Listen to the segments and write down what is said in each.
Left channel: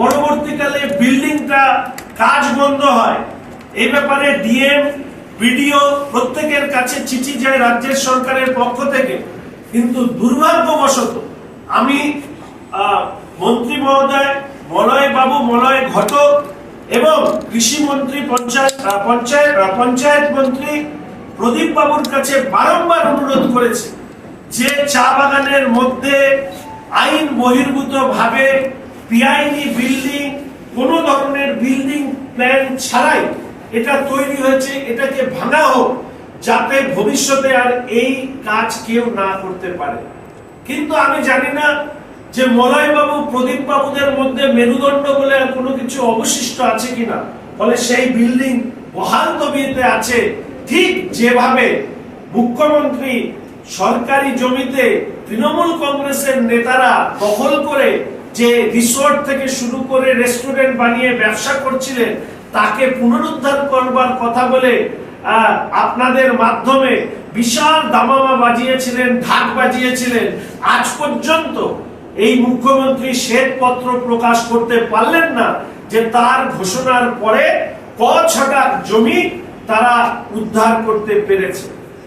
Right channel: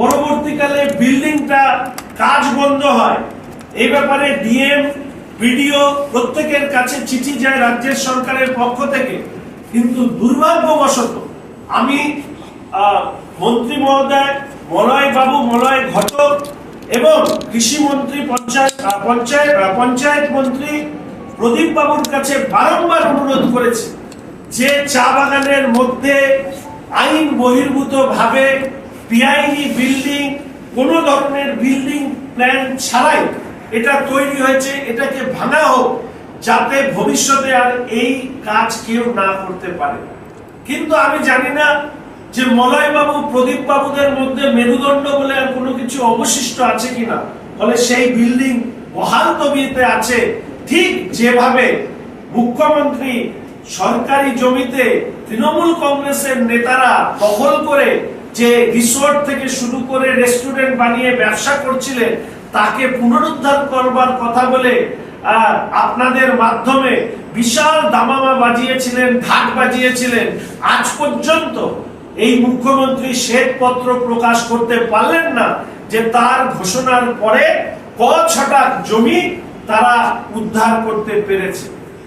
পরবর্তীকালে বিল্ডিংটা কাজ বন্ধ হয়। এই ব্যাপারে ডিএম, বিডিও প্রত্যেকের কাছে চিঠি যায় রাজ্যের সরকারের পক্ষ থেকে। কিন্তু দুর্ভাগ্যবশত আমি মন্ত্রী মহোদয়, মলয় বাবু, মলয় ঘটক এবং কৃষি মন্ত্রী, পঞ্চায়েত পঞ্চায়েত পঞ্চায়েত মন্ত্রী প্রদীপ বাবুর কাছে বারংবার অনুরোধ করেছি যে চা বাগানের মধ্যে আইন বহির্ভূত ভাবে পিআইনি বিল্ডিং কোনো ধরনের বিল্ডিং প্ল্যান ছাড়াই এটা তৈরি হয়েছে, এটাকে ভাঙা হোক, যাতে ভবিষ্যতে আর এই কাজ কেউ না করতে পারে। কিন্তু আমি জানি না যে মলয় বাবু প্রদীপ বাবুদের মধ্যে মেরুদণ্ড বলে আর কোনো কিছু অবশিষ্ট আছে কিনা। ফলে সেই বিল্ডিং বহাল তবিয়েতে আছে। ঠিক যেভাবে মুখ্যমন্ত্রী সরকারি জমিতে তৃণমূল কংগ্রেসের নেতারা দখল করে যে রিসোর্ট থেকে শুরু করে রেস্টুরেন্ট বানিয়ে ব্যবসা করছিলেন, তাকে পুনরুদ্ধার করবার কথা বলে আপনাদের মাধ্যমে বিশাল দামামা বাজিয়েছিলেন, ঢাক বাজিয়েছিলেন। আজ পর্যন্ত এই মুখ্যমন্ত্রী শ্বেতপত্র প্রকাশ করতে পারলেন না যে তার ঘোষণার পরে ক ছটা জমি তারা উদ্ধার করতে পেরেছে।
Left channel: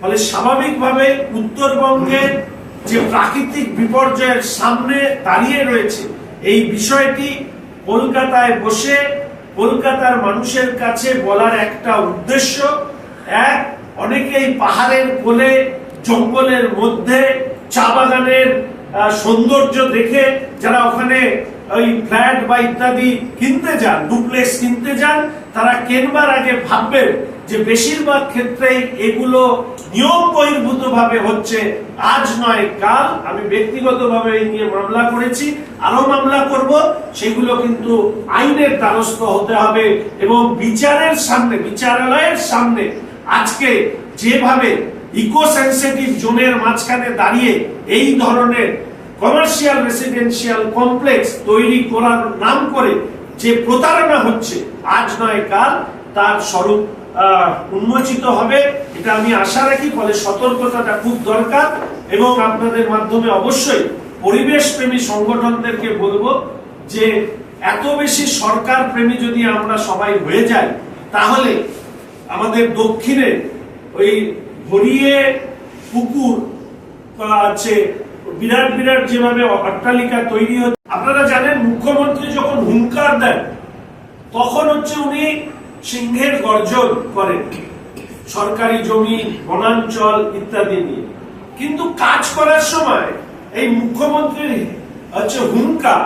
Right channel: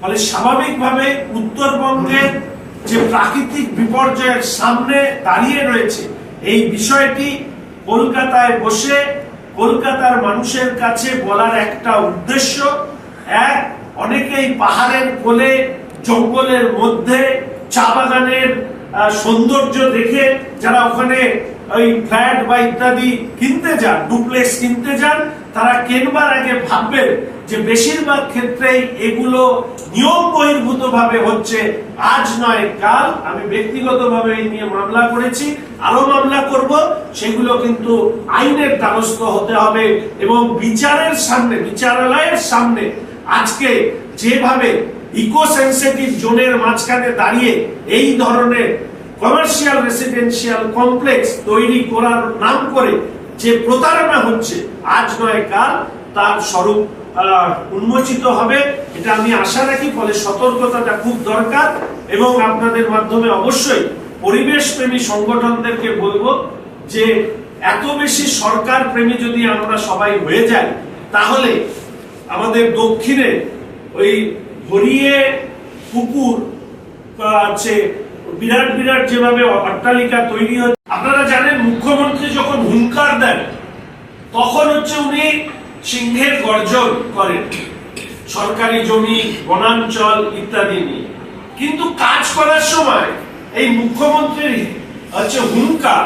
ফলে স্বাভাবিকভাবে উত্তরবঙ্গের যে প্রাকৃতিক বিপর্যয়ের সামনে দাঁড়িয়ে রয়েছে, এই বিষয়টি কলকাতায় বসে কলকাতার মানুষের কাছে বলার একটা উদ্দেশ্য। এক, অনেকেই পাহাড়ের কোলে, জঙ্গলের মধ্যে, চা বাগানের সৌন্দর্য দেখে যারা ওখানে ওই ফ্ল্যাট বা ইত্যাদি কিনতে যান, ডুপ্লেক্স কিনতে যান, তারা কেনবার আগে ভাববেন যে বেশিরভাগ ক্ষেত্রেই এগুলো নিয়ম বহির্ভূত ভাবে হচ্ছে, আজ নয়, কাল। আমি ব্যক্তিগতভাবে এই নিয়ে মামলা করেছি আরও মামলা করব। সেগুলো কিন্তু আইনের দ্বারস্থ হতে হবে এবং বিচারের সামনে, বিচারালয়ের সামনে আজকে যেভাবে ইকো সেন্সিটিভ জোনের মাঝখানে দাঁড়িয়ে এই ধরনের কমার্শিয়াল রেসিডেন্সিয়াল কমপ্লেক্স তৈরি করার নাম করে যে প্রতারণা হচ্ছে, আজ নয় কাল তার স্বরূপ উন্মোচিত হবে। এটা আমি আশা রাখি, ফলে সতর্কতাটা খুব দরকার এবং আপনাদের মাধ্যমে অবশ্যই পরিবেশ প্রেমী সংগঠনদেরকে বলব যে, এত বেশি সরকার প্রেমী যদি আমরা সবাই হয়ে যাই, তাহলে আমাদের দক্ষিণে ওই ভরিয়ে পুকুর আছে বিরাট বিরাট যেভাবে অট্টালিকা তৈরি হচ্ছে। আপনারা জানেন, মুখ্যমন্ত্রী যখন হুঙ্কার দেন, তখন হচ্ছে উনি সিংহের গর্জন করেন। সরকারি জমি, বনাঞ্চল ইত্যাদি নিয়ে। কিন্তু কাজ করার সময় এই মুখ্যমন্ত্রীর হচ্ছে হুঙ্কার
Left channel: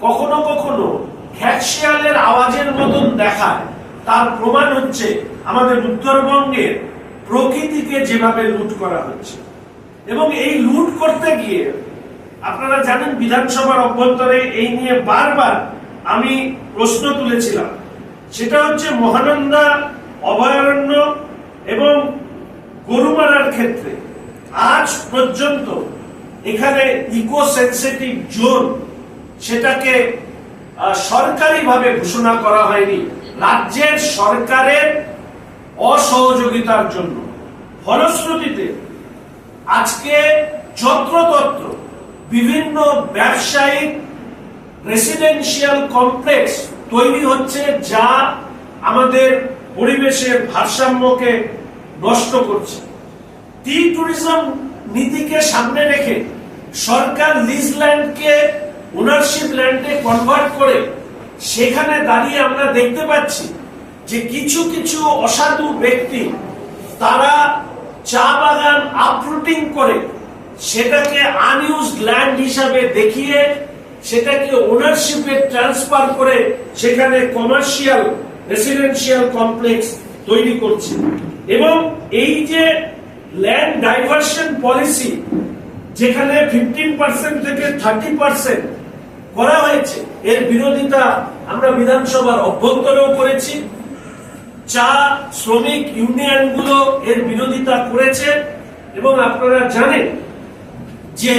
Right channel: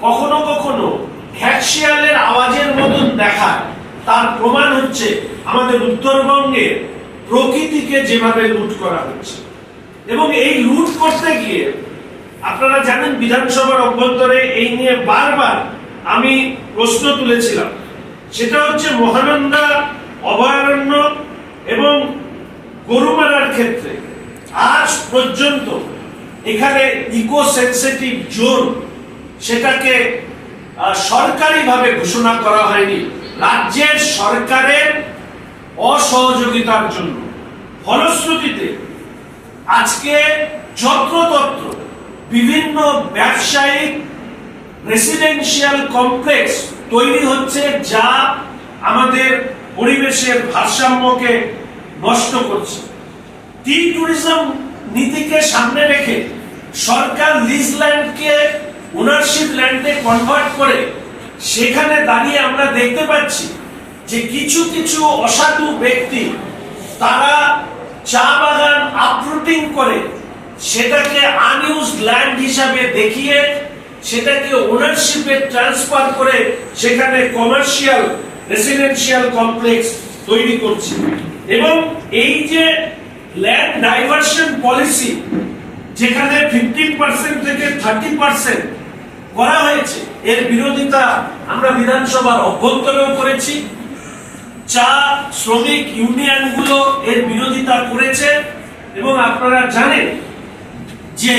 কখনো কখনো খ্যাকশিয়ালের আওয়াজের মতন দেখায়। তার প্রমাণ হচ্ছে আমাদের উত্তরবঙ্গের প্রকৃতিকে যেভাবে লুট করা হচ্ছে। এবং এই লুট করতে গিয়ে আপনারা জানেন বিধানসভার অভ্যন্তরে এই নিয়ে বারবার আমি প্রশ্ন তুলেছিলাম। সেটা হচ্ছে মহানন্দা, অভয়ারণ্য এবং গরুমারার ক্ষেত্রে আজ পর্যন্ত এখানে ইকো সেন্সিটিভ জোন সেটাকে সরকারিভাবে ঘোষণা করা হয়নি, রাজ্যের সরকারের অসহযোগিতার জন্য। ফলশ্রুতিতে আজকে যত্রতত্র বিভিন্ন ব্যবসায়িক রেসিডেন্সিয়াল কমপ্লেক্স তৈরি হচ্ছে যা আমাদের পরিবেশের ভারসাম্যকে নষ্ট করছে। টি ট্যুরিজম নীতিকে সামনে রেখে সরকার লিজ ল্যান্ডকে ওনারশিপ ল্যান্ডে কনভার্ট করে সেখানে দাঁড়িয়ে আমরা দেখতে পাচ্ছি যে কিছু কিছু অসাধু ব্যক্তি তারা চা বাগান আপরুটিং করে সেটাকে আনইউজড ল্যান্ড হিসাবে দেখিয়ে সেটাকে ওনারশিপে ট্রান্সফার করে সেখানে কমার্শিয়াল রেসিডেন্সিয়াল কমপ্লেক্স তৈরি করছে। এবং এই যে ল্যান্ড ডাইভার্সন পলিসি যেখানে ফিফটিন পার্সেন্ট থেকে থার্টি পার্সেন্ট করা হয়েছে, এর বিরোধিতা আমরা বিধানসভার অভ্যন্তরেও করেছি। চা শ্রমিক ইউনিয়নগুলো এর বিরোধিতা করেছে এবং আপনারা জানেন যে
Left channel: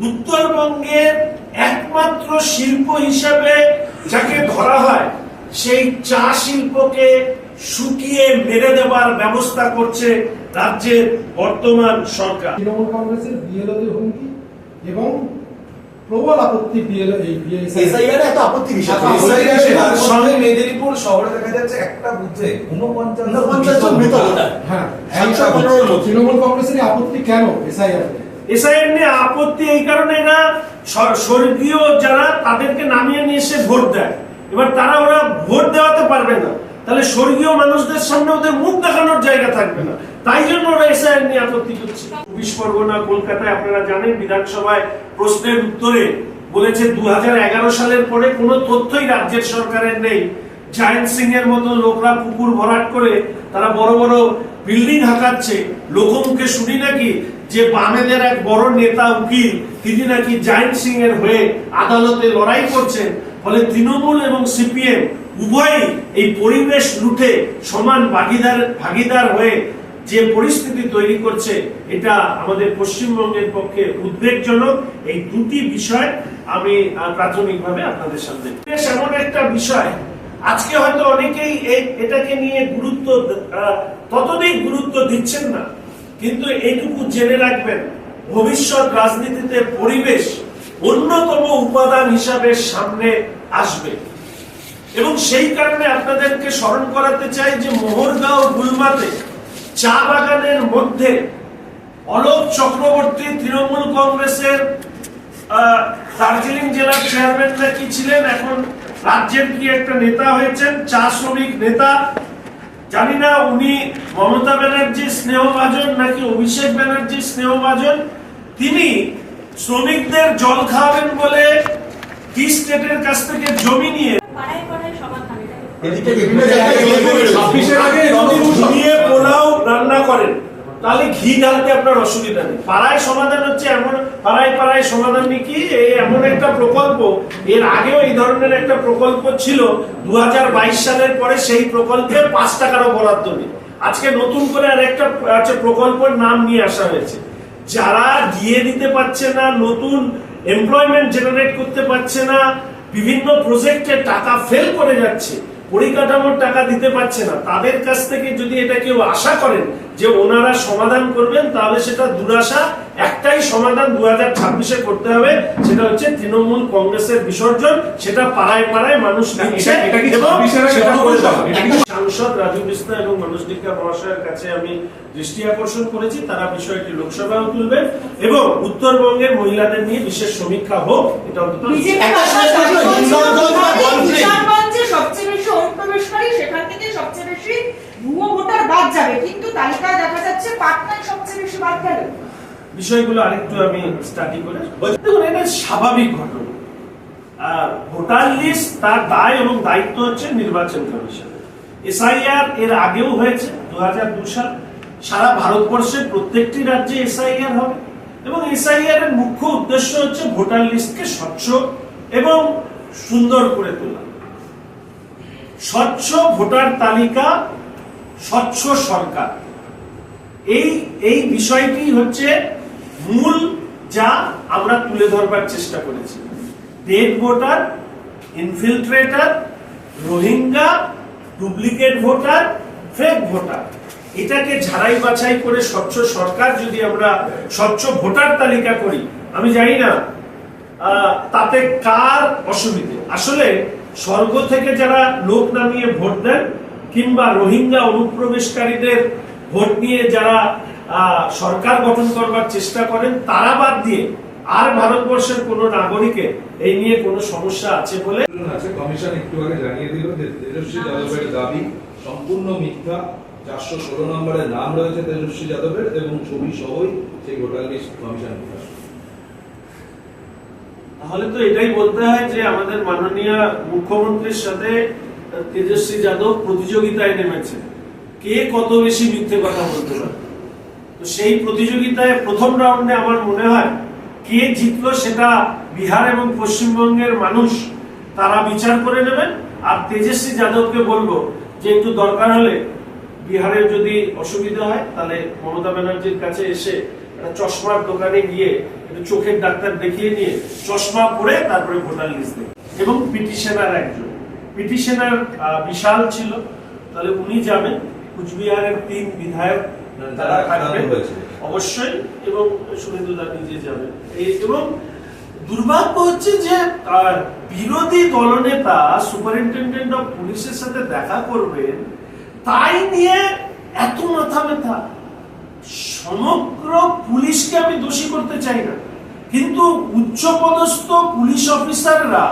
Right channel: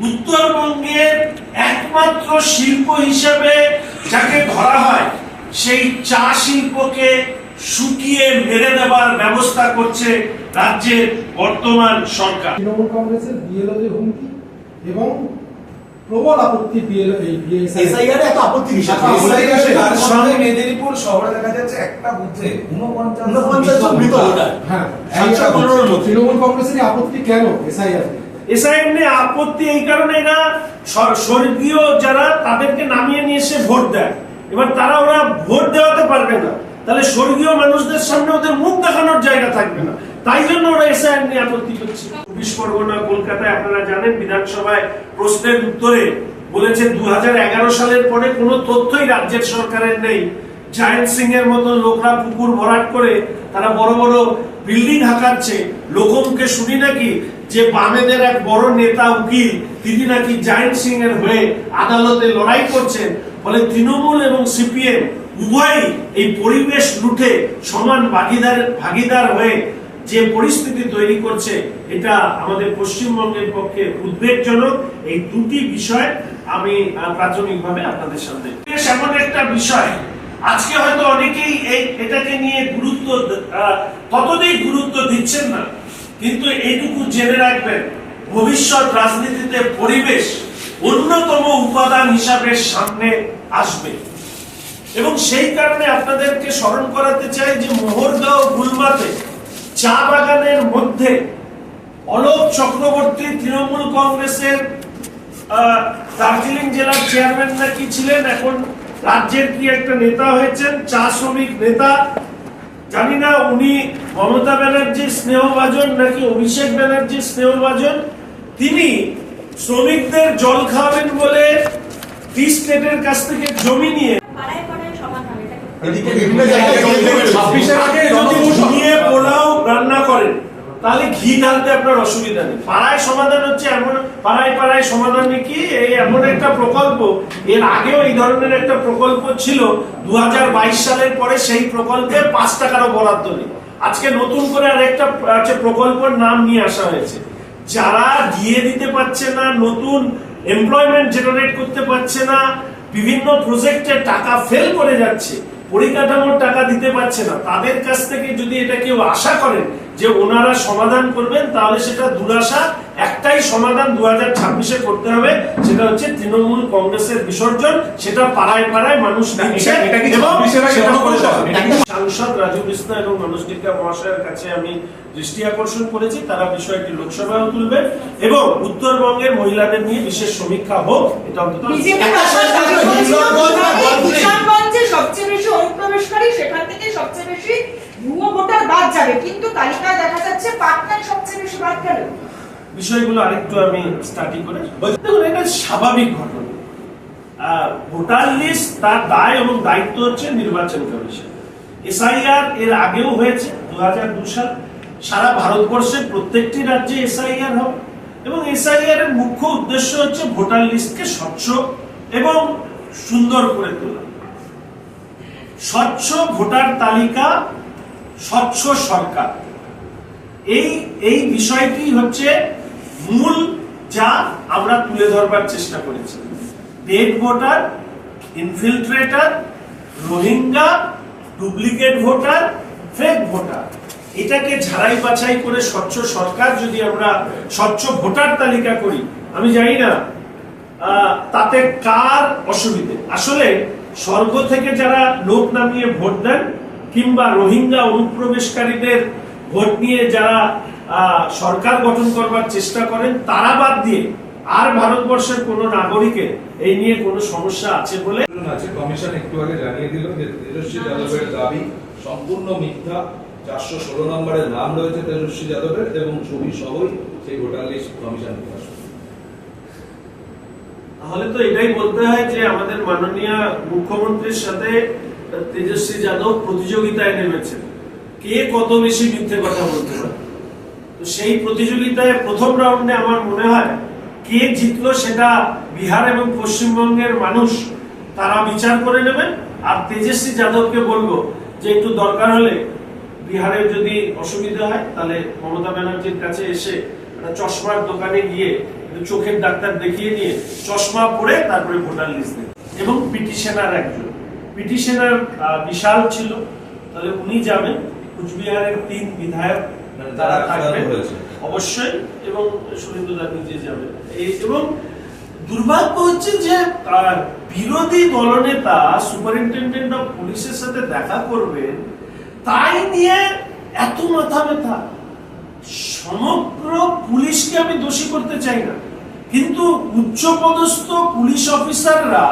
উত্তরবঙ্গের একমাত্র শিল্প হিসেবে যাকে ধরা হয়, সেই চা শিল্পকে শুকিয়ে মেরে দেবার ব্যবস্থা করছে রাজ্যের বর্তমান সরকার। তৃণমূল কংগ্রেসের বিএলওদের হুমকি এবং প্রবল আপত্তি এসআইআর এত আপত্তি বিষয় আপত্তি SIR বিষয়। এর তার সঙ্গে মেদিনীপুর শহরে দেখা যাচ্ছে একটা বুথে উনপঞ্চাশ মৃত হ্যাঁ তৃণমূল কংগ্রেসের আপত্তি কেন এসআইআর এসআইএম নিয়ে আপত্তি এই কারণে স- স্বর্গীয় যারা তাদেরকে নামিয়ে নিয়ে এসে ভোট দেয়। এবার তারা ওরা ভোট দেওয়াতে পারবে না। তাহলে স্বর্গীয় মানুষদের সামনে ওদের মুখ দেখানোর জায়গা থাকবে না। তাই জন্য ওরা এসআইএম নিয়ে আপত্তি করছে। চব্বিশ পরগনা, কলকাতায় আপনারা জানেন, বিধানসভায় প্রশ্নের উত্তরে বলেছে দু সালের পরে কোনো তথ্যই রাজ্যের সরকারের নেই। জায়েন্ট সিং এর মতো লোকরা পুকুর ভরাট করে তারা বড় বড় বিল্ডিং হাঁকাচ্ছে। লোকমুখে শুনি নাকি যে বামেদের এক বড় নেতা উকিল, তিনি নাকি জায়েন্ট সিং এর হয়ে আদালতে লড়াই করছেন। ফলে তৃণমূল এবং সিপিএম উভয়ই এই পরিবেশ লুটে সমান ভাগিদার ভাগিদার হয়ে যে পরিস্থিতি তৈরি করছে, এটা আমাদের পশ্চিমবঙ্গের পক্ষে উদ্বেগজনক। এই দুটি বিষয় আমি প্রাথমিকভাবে আপনাদের সামনে। এমন একটা বিষয়। আজকে হয়তো অনেকেই এই, এটাকে নিয়ে গুরুত্ব ততদিন গুরুত্ব দিচ্ছেন না। কিন্তু এইটুকু জেনে রাখবেন, ভবিষ্যৎ রাজনীতিতে পরিবেশ অন্যতম উপাদান হিসাবে সামনে আসবে। এবং সেই কারণে আপনাদেরকে স্মরণ করাতে চাই যে মোহরগাঁও গুলমাতে চা বাগানের মধ্যে অলোক চক্রবর্তী তৃণমূল কংগ্রেসের দার্জিলিং জেলার চেয়ারম্যান নাকি ছিলেন, এখন রাজ্যের কি একটা নেতা হয়েছেন, চা শ্রমিক নেতা। জানি না, উনি মমতা ব্যানার্জির স্নেহভাজন নাকি অভিষেক ব্যানার্জির স্নেহভাজন। তিনি শ্রমিকদের জল খাওয়াবেন বলে টি কাছ থেকে জমি নিয়ে পাড়ায় পাড়ায় সমাধান এটা এদিকে বিভিন্ন জায়গায় ছাব্বিশের আগে যদি পোলাও রান্না করেন তাহলে ঘি ঢালতে আপনার অসুবিধা নেই। পাড়ায় সমাধান হচ্ছে এমন পাড়ায় পাড়ায় সমাধান কি? এই এমন একটা প্রকল্প এর আগেও এই ধরনের একটা প্রকল্প ছিল। দু হাজার বাইশ সালের পরে সেই প্রকল্পে পাঁচ টাকারও বরাদ্দ নেই। আজকে নতুন করে আর একটা প্রকল্পের নাম নিয়ে আসা হয়েছে। যারা গিয়ে দিতে পারছে না নতুন এমপ্লয়মেন্ট জেনারেট করতে পারছে না বিভিন্ন প্রজেক্টে টাকা ফেল করে যাচ্ছে পরিকাঠামোর টাকা দিতে পারছে না। তাদের কাছ থেকে যদি এটা কেউ আশা করেন যে ওনারা সমাধান করবেন তাহলে সেটা দুরাশা একটাই সমাধান দু হাজার ছাব্বিশে করতে হবে। সেটা হচ্ছে তৃণমূল কংগ্রেসের বিসর্জন। সেটা পাড়ায় পাড়ায় মানুষ দিচ্ছে এটা- এটা কি এবং 26 এর আগে সেটা বন্ধ করে করতে দেওয়া হবে? হবে। সাংসদ রাজু বিস্তা এবং মানুষ টিকা মহাশয়ের কাছে আমি দৃষ্টি আকর্ষণ করেছি। তারা বিষয়টি লোকসভায় তুলবেন এবং উত্তরবঙ্গের মহিলাদের নিয়ে বিশেষ সমীক্ষা হোক এটা অন্তত বিজেপি একটা শেষ কথা, হিন্দুত্ব না বলতে। কিশোরগঞ্জে সবচেয়ে বেশি অনুপ্রবেশকারী সেখান থেকে সবচেয়ে বেশি ভুয়ো ভোটার বাদ যাবে কিন্তু তালিকায় দেখা যাচ্ছে পাটনায় সবচেয়ে বেশি বাদ গেল বিষয়গুলো আরেকটু আমি স্টাডি করে দেখুন, এটা স্বাভাবিক ঘটনা। ভোটার লিস্ট তার দায় এবং দায়িত্ব হচ্ছে নির্বাচন কমিশন। এসআইআর এর আগেও হয়েছে, দু হাজার সাল। সারা ভারতবর্ষের প্রত্যেকটি রাজ্যে এসআইআর হবে। এবং এসআইআর এর মুখ্য উদ্দেশ্য হচ্ছে ভোটার লিস্টকে স্বচ্ছ এবং সুন্দর করে তোলা। স্বচ্ছ ভোটার তালিকা, স্বচ্ছ সরকার। এই এই বিষয়টি হচ্ছে মূল যা আমরা তুলে ধরবার চেষ্টা করেছি। Dead voter infiltrator Rohingya duplicate voter fake voter এটাকে ঝাড়াই বাছাই করে স্বচ্ছ সরকার যদি আমরা স্বচ্ছ ভোটার তালিকা করি, আমি জানি না তাতে কার অসুবিধে? আসলে স্বর্গ থেকে যারা লোক নামিয়ে ভোট দেন কিংবা রোহিঙ্গা অনুপ্রবেশকারীদের ভোট নিয়ে যারা সরকার গঠন করবার চেষ্টা করেন তারা বাদ দিয়ে আর ভারতবর্ষের কোন নাগরিকের এই নিয়ে কোনো সমস্যা আছে বলে কমিশন একটু আগে জানিয়ে দিল যে তেজস্বী যাদবের দাবি সম্পূর্ণ মিথ্যা চারশো ষোলো নম্বরের নাম রয়েছে তেজস্বী যাদবের এবং ছবি সহই সেই ভোটার লিস্ট কমিশন প্রকাশ তাহলে তো এটাই বলতে হয় যে আমাদের মাননীয় মুখ্যমন্ত্রীর সাথে তেজস্বী যাদব প্রতিযোগিতায় নেমেছেন। কে কত বেশি মিথ্যে কথা বলতে পারে? সেই প্রতিযোগিতায় প্রথম রাউন্ডে আমার মনে হয় কে জিতলো সেটা বিহার এবং পশ্চিমবঙ্গের মানুষ, তারা বিচার করে নেবেন। আর তেজস্বী যাদবকে বলব যে একটু দরকার হলে বিহারের যদি অসুবিধা হয়, তাহলে মমতা ব্যানার্জির কাছে এসে একটা চশমার দোকানে গিয়ে একটু চোখের ডাক্তার দেখিয়ে নিয়ে চশমা পরে তারপরে ভোটার লিস্ট দেবে। এবং পিটিশনার একজন। পিটিশনার বিশাল ছিল। তাহলে উনি যাবেন। কুচবিহারের তিন বিধায়ক তারা তারা থাকবেন। অবশ্যই এবং দা নিজে যাবেন। এবং দুর্ভাগ্য হচ্ছে যে বিরোধী দলনেতা সুপারিনটেন্ডেন্ট অফ পুলিশের সাথে দেখা করবেন তাই নিয়ে এত মাথা ব্যথা। সমগ্র পুলিশকে আমি দোষী করতে চাই না। কিন্তু উচ্চপদস্থ পুলিশ অফিসাররা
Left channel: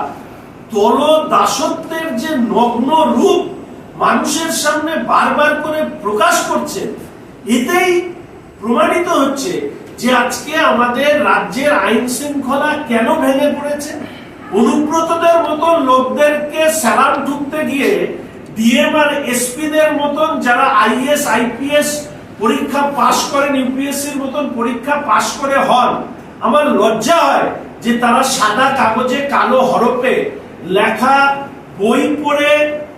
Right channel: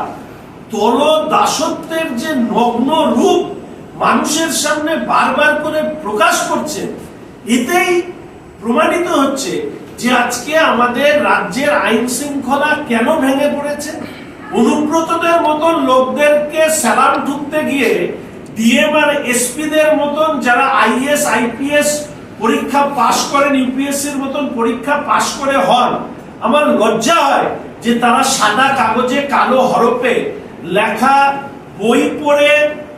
দল দাসত্বের যে নগ্ন রূপ মানুষের সামনে বারবার করে প্রকাশ করছে এতেই প্রমাণিত হচ্ছে যে আজকে আমাদের রাজ্যের আইন শৃঙ্খলা কেন ভেঙে পড়েছে। অনুব্রতদের মতন লোকদেরকে স্যালাম ঢুকতে গিয়ে ডিএম আর এসপিদের মতন যারা আইএস, আইপিএস পরীক্ষা পাশ করেন, ইউপিএসসির মতন পরীক্ষা পাশ করে হন, আমার লজ্জা হয় যে তারা সাদা কাগজে কালো হরপে লেখা বই পড়ে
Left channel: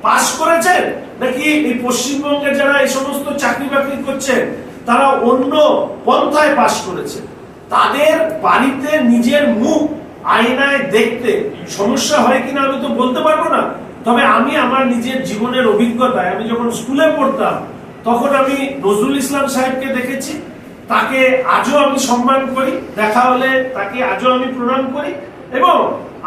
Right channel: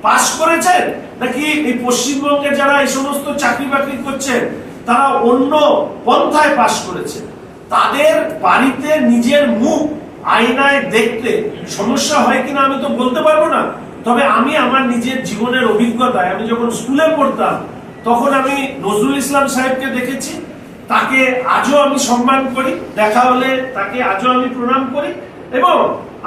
পাশ করেছেন। নাকি এই পশ্চিমবঙ্গে যারা এই সমস্ত চাকরি বাকরি করছেন, তারা অন্য পন্থায় পাশ করেছে তাদের বাড়িতে নিজের মুখ আয়নায় দেখতে সমস্যা হয় কিনা আমি তো বলতে পারব না। তবে আমি আমার নিজের জীবনের অভিজ্ঞতায়, আমি যখন স্কুলে পড়তাম, তখন আমি নজরুল ইসলাম সাহেবকে দেখেছি। তাকে আজও আমি সম্মান করি, দেখা হলে তাকে আজও আমি প্রণাম করি এবং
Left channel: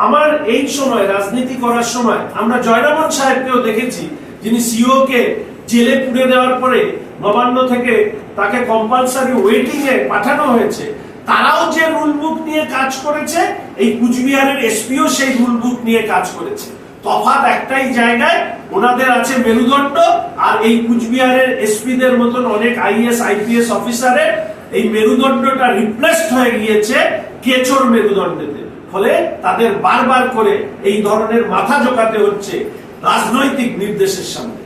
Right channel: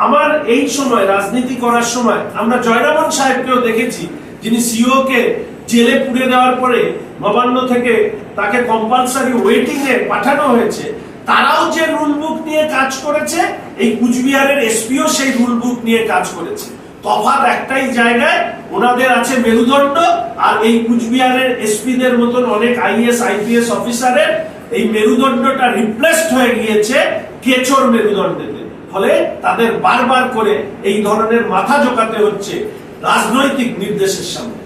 আমার এই সময়, রাজনীতি করার সময় আমরা জয়রামন সাহেবকেও দেখেছি যিনি সিও কে জেলে পুড়ে দেওয়ার পরে নবান্ন থেকে তাকে কম্পালসারি ওয়েটিং এ পাঠানো হয়েছে। তারাও যে রুল বুক নিয়ে কাজ করেছে, এই কুচবিহারের এসপিও সেই রুল বুক নিয়ে কাজ করেছে। তফাৎ একটাই জায়গায়, ওনাদের আছে মেরুদণ্ড, আর এই কুচবিহারের এসপিদের মতন অনেক আইএস আইপিএস অফিসারের এই মেরুদণ্ডটা রিপ্লেসড হয়ে গিয়েছে কেচোর মেরুদণ্ডেতে। ফলে তাদের বারবার করে এই ধরনের মাথা জোকাতে হচ্ছে। রাজনৈতিক নির্দেশের সামনে।